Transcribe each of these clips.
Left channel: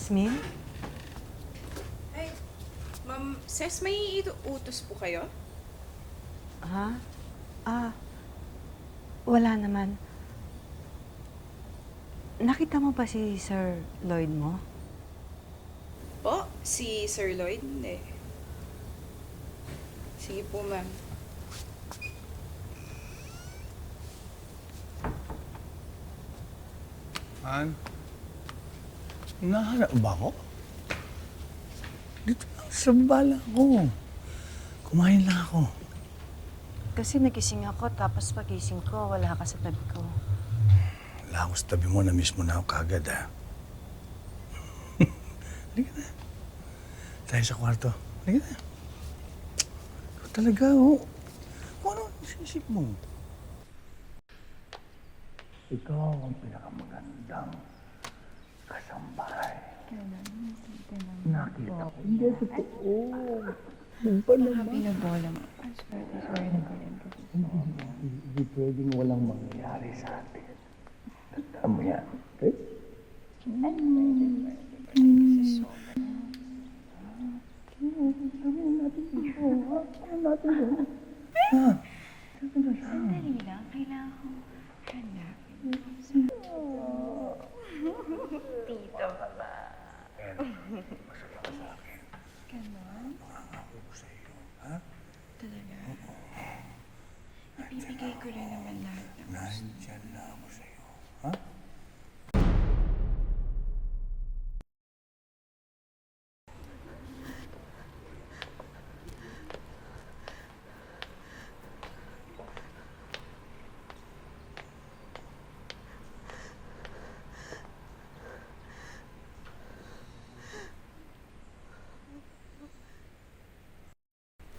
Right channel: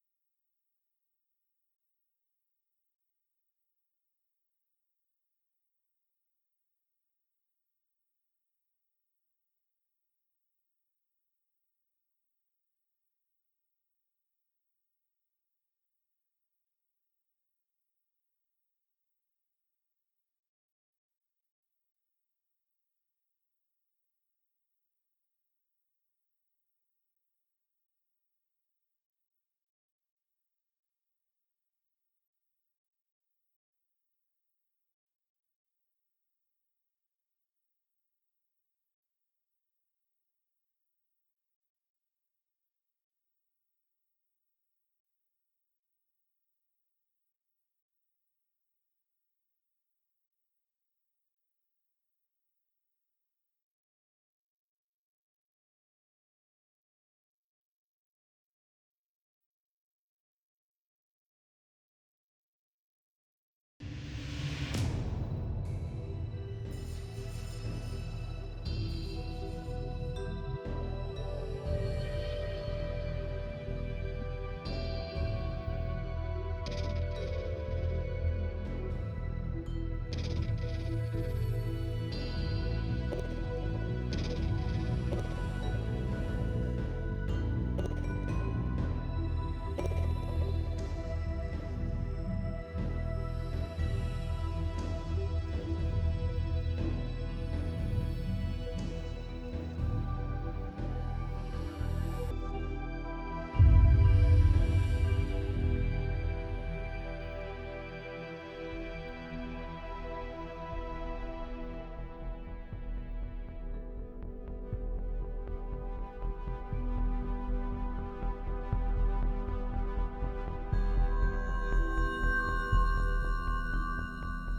Hasmin? Ay, Ma'am Ses, may utos po kayo? Ha? Ah, wala naman. Nakita mo ba si Sir Lloyd mo? Po, si Sir Lloyd? Hindi. Sige po, ma'am. Han? Hinahanap ba ako? Dito lang sa bala ko. Kumain lang ako. Kasi nagising ako, tapos pagising ko, wala ka sa tabi ko. Wala ako sa tabi mo, na-miss mo na ako kagad, ha? Halika na. Tayo sa kwarto. Halika na. Ikaw talaga, oh. Kung ano ang isip mo? Ikaw ang pinakamagandang kasambahay. Nakita ko. Hindi, totoo. Ba naman? Hindi pwedeng walang mangyayari sa atin. Tama yan. Eh?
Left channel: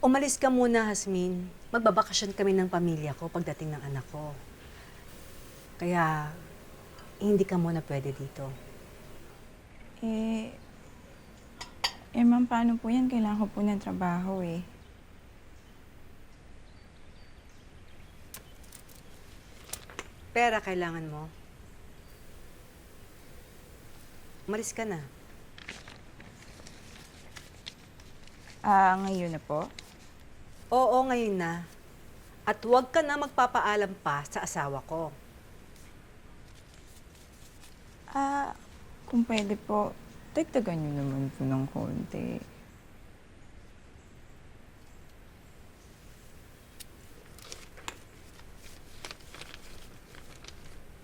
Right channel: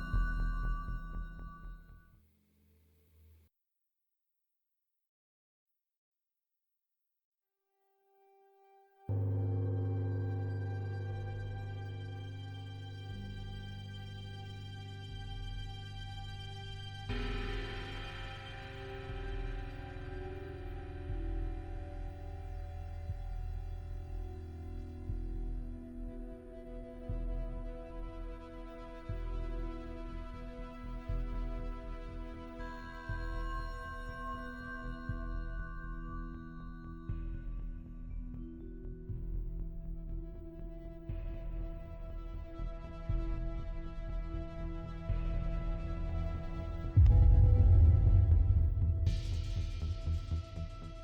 Umalis ka muna, Hasmin. Magbabakasyon kami ng pamilya ko pagdating ng anak ko. Kaya, hindi ka muna pwede dito. Ma'am, paano po yan? Kailangan ko po ng trabaho eh. Pera kailangan mo. Umalis ka na. Ngayon na po? Oo, ngayon na. At huwag ka na magpapaalam pa sa asawa ko. Kung pwede po, dagdagan niyo naman po ng konti.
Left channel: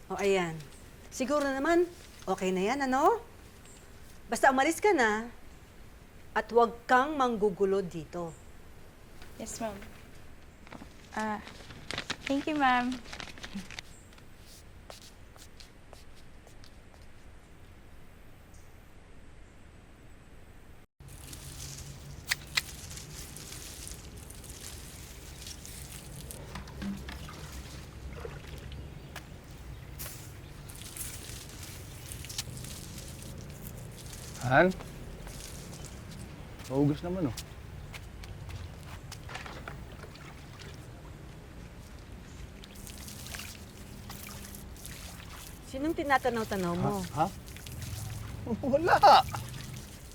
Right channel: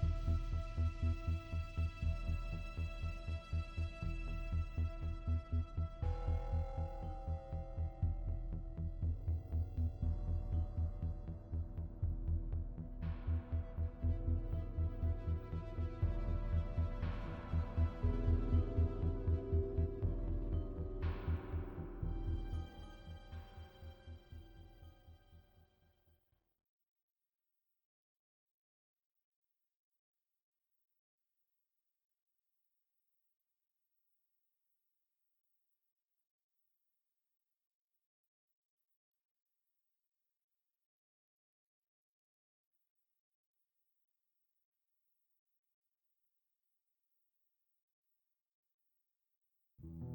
O ayan. Siguro naman, okay na yan, ano? Basta umalis ka na at huwag kang manggugulo dito. Yes, ma'am. Thank you, ma'am. Han? Maugas naman, oh. Sinong tinatanaw-tanaw mo? Ha? Wala.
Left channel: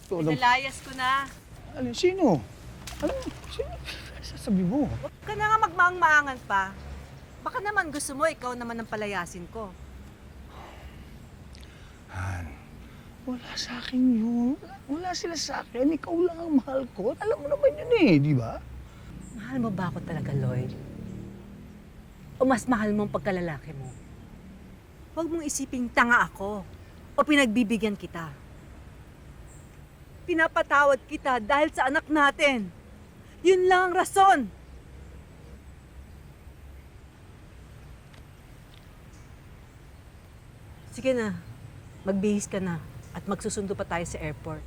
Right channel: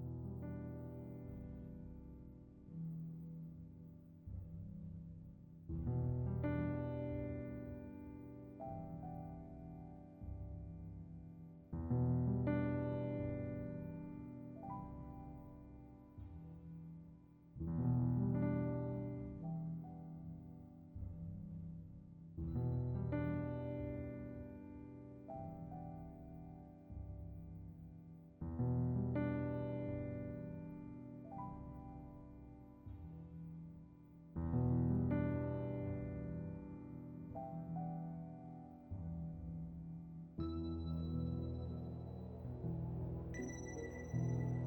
Ito, Nilayas ko na. Alin, sino? Ano? Sino? Sasabi mo. Huwag ka na nga magmaang-maangan pa. Baka naman gusto mo, ikaw naman ang palayasin ko. Han, wala sa akin yun. Wala sila sa akin. Ikaw lang ang mahal ko. Alam mo naman yun eh, di ba? Mahal mo ba ako talaga, Lloyd? O mas mahal mo ang pagkalalaki mo? Huwag mong isiping tanga ako o pinagbibigyan kita. Pinapatawad kita dahil sa anak natin. Yun lang ang rason. Sige na, magbihis ka na at magsusundo pa tayo sa airport.